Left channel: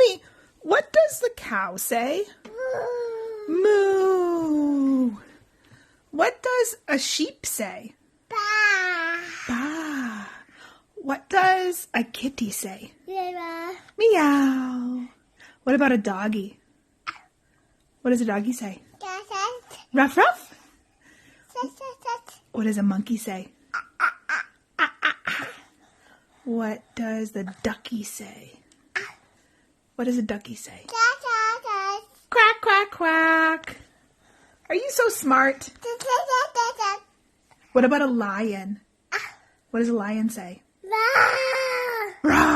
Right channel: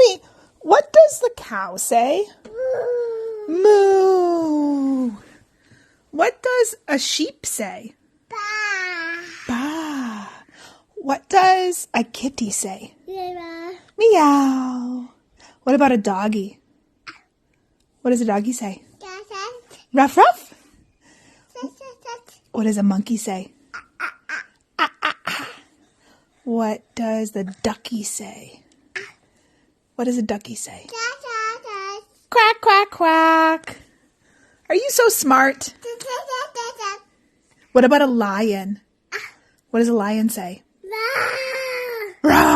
me, what does the cow say? Moo. What does a sheep say? Ba. Ba. What does a kitty say? Meow. Meow. What about a doggy? What does a doggy say? Ruff, ruff. What does a monkey say? What does the ducky say? What does a ducky say? Quack, quack, quack. Are you so smart? What about a lion? What does a lion say? Rawr.